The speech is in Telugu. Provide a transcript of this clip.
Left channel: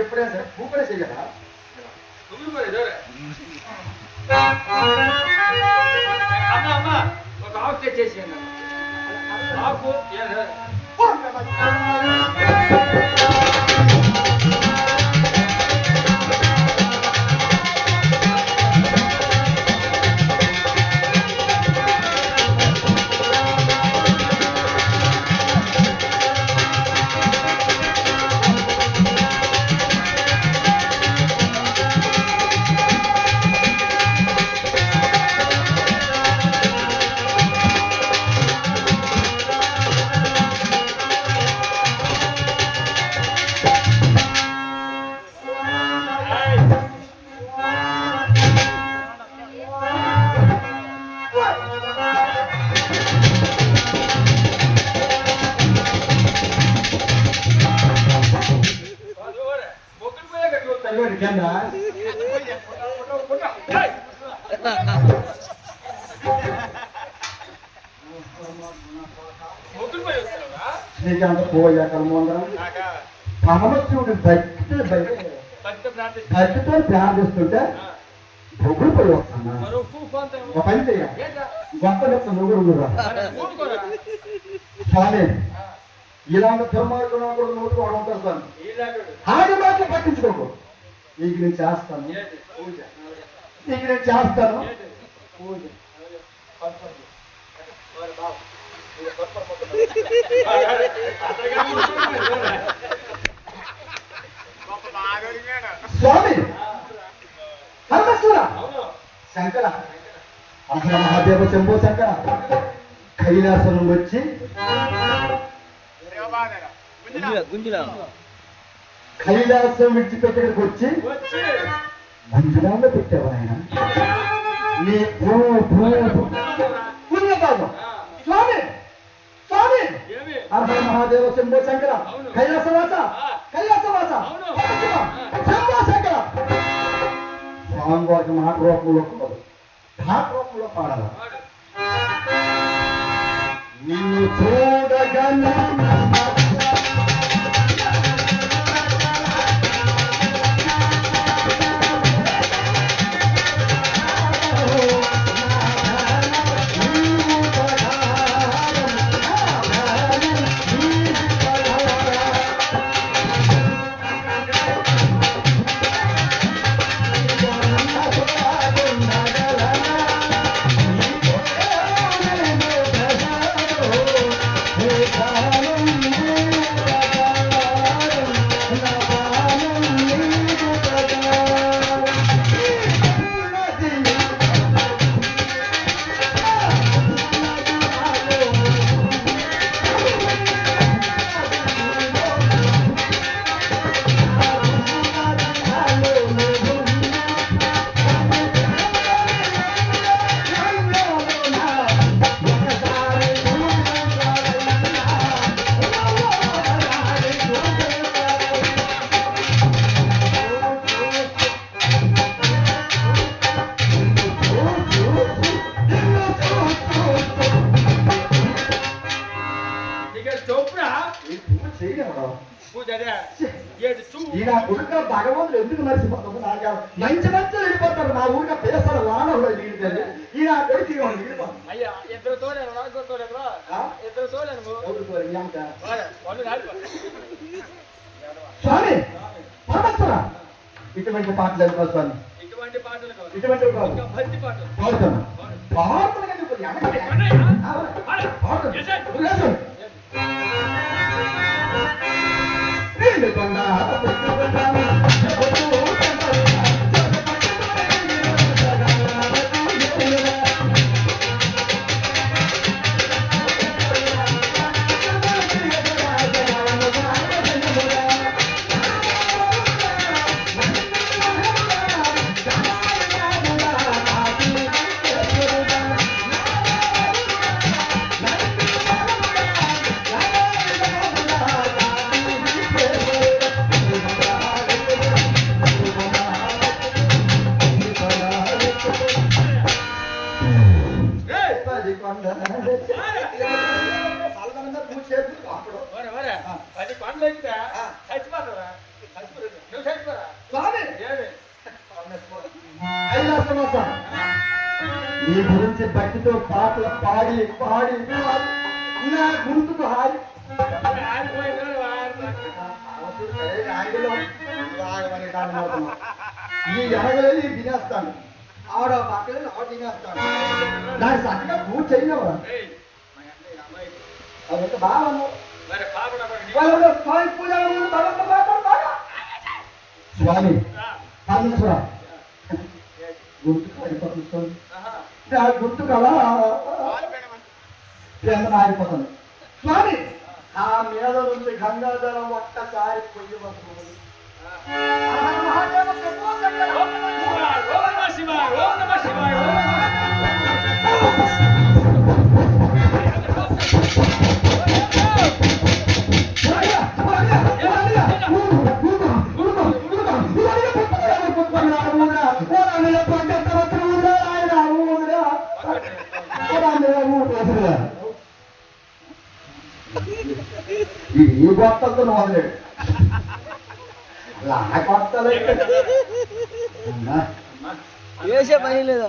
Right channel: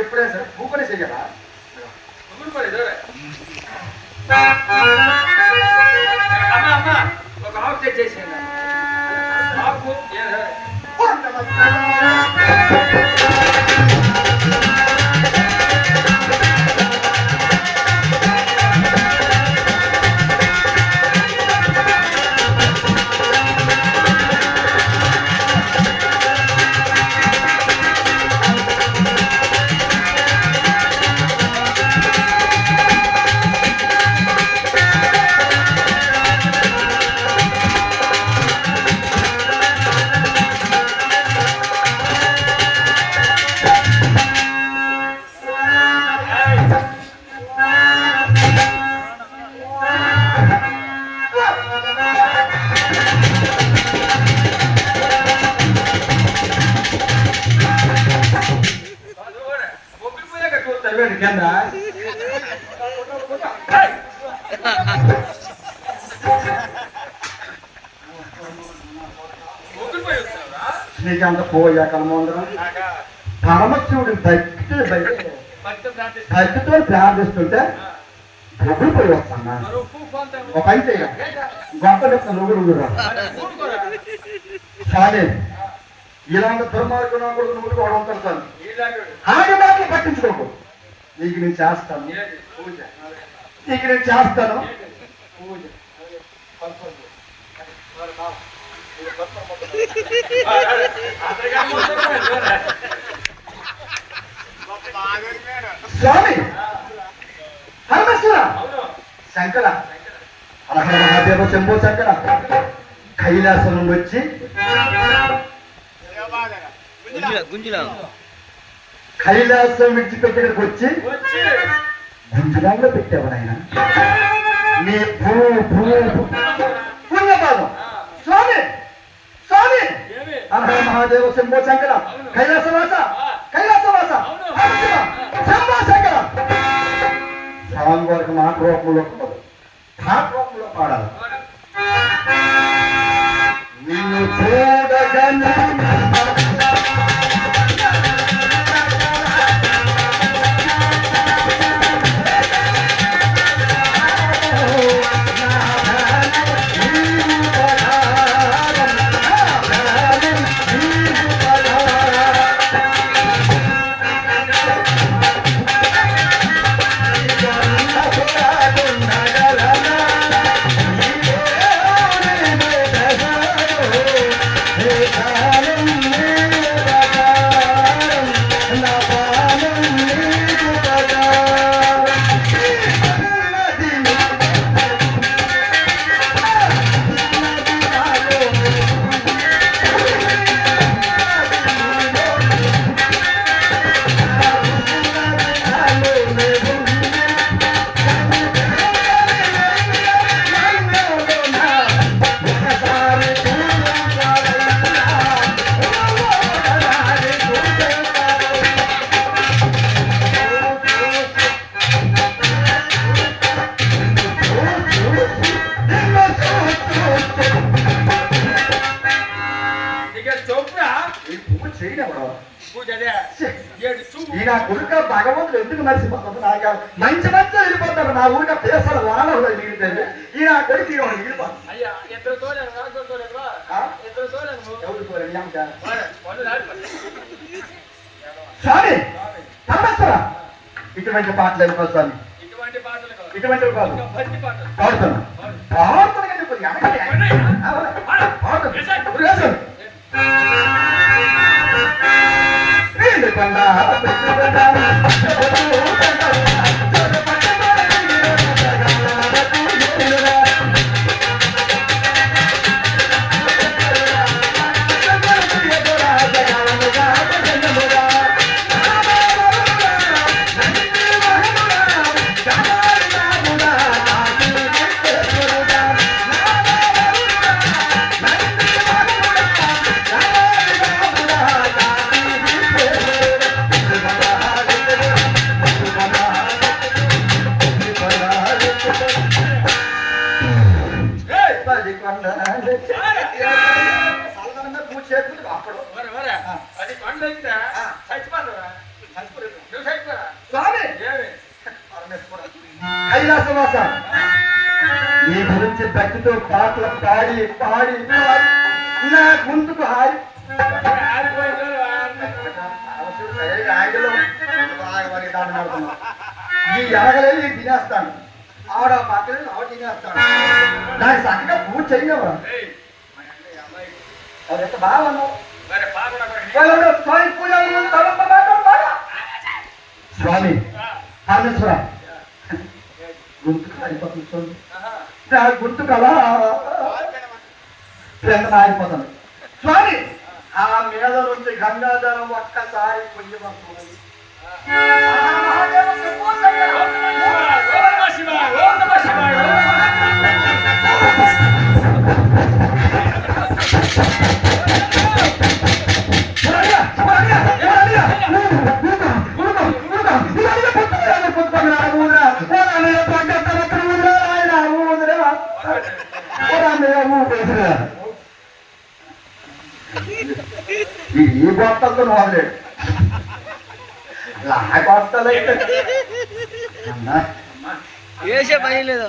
ఎప్పుడే సార్ పూకనే చెయ్యాలా అమ్మా అమ్మా ఒక ఆకు తెచ్చేసేయండి ఆకు నీకంత పోయా కలమందరం పరమశివుడు భక్తితో ప్రార్థిస్తుంటే బొగ్గులు పోయి వస్తున్నా ఒక పని చెయ్య గొప్ప చెప్తా నువ్వు సాడే ఇలాంటి దుర్మార్గం కూడా నువ్వు కూడా ఉంటాను ఆడి మాటలు పట్టించుకోకు నీకు నేను చేస్తాను నీకు నేను చేస్తాను స్వామి పరమేశ్వర శంకర అహర మహాదేవ శంభో శంకర కైలాసం నుండి వచ్చి కైలాసం విడిచిపెట్టడానికి వచ్చి గుంజురాల్లో పెట్టేవారైనా నీ పుణ్యపాదం స్వామి స్వామి అహర మహాదేవ శంభో శంకర కైలాసవాస కైలాసవాస శంభో శంకర స్వామి వారికి మాట రూపంలో ఉండదు ఘాట్ రూపంలో పాడాలి నిన్ను చూడగలను ఈయన కొడుక భగవంతుడు ఎందుకు మరిచిపోతుంది నాకు మంచి మంచి వెళ్ళిపోతారు నా ఊరిక పేసలు వానలు మిగిలిపోయింది ఈయన కొడుకు స్వామి పరమేశ్వర ఇటువంటి పాటలు వెళ్ళిపో స్వామి ఇటువంటి కాదు పాడుతాను పాడుతాను అప్పుడు ఒరే, ఒరే, 10 కొండలు ఎక్కితే చచ్చిపోతావురా. చచ్చిపోలేదు. నువ్వు చచ్చిపోరా. స్వామి ఏమి? కైలాసవాస నీ గురించి భక్తితో పాటలు పాడి పాడి పాడి నా గొంతుకు హాయి ఆడిపోయి కూడా ఆగిలో దాన్ని నడుతున్నావు. ఈ ఎనగలేదు ఈ తినేస్తాను, ఆవిడ పక్కలేదు ఆవిడ తినేస్తాను. దాన్ని చక్కగా పూజ చేయనవా? ఏయ్, మా అమ్మాయి. అది ఎంత బాగా ఉన్నావు. మరి పాపడ కూడా నీ- వాళ్ళు స్వామి పూజ స్వామి పరమేశ్వర గొంతుకు ఆడిపోతుంది స్వామి. ఆహా. నా గొంతుకు అలా మారిపోతుంది స్వామి. ఆ మీద నుంచి గంగాధరం ఒక్కసారి పొయ్యవస్తుంది. ఓం నమః శివాయ, ఓం నమః శివాయ, ఓం నమః ఈ గొప్పలతో మొదలేడు నా గొప్పలైతే వేసే పని లేదు.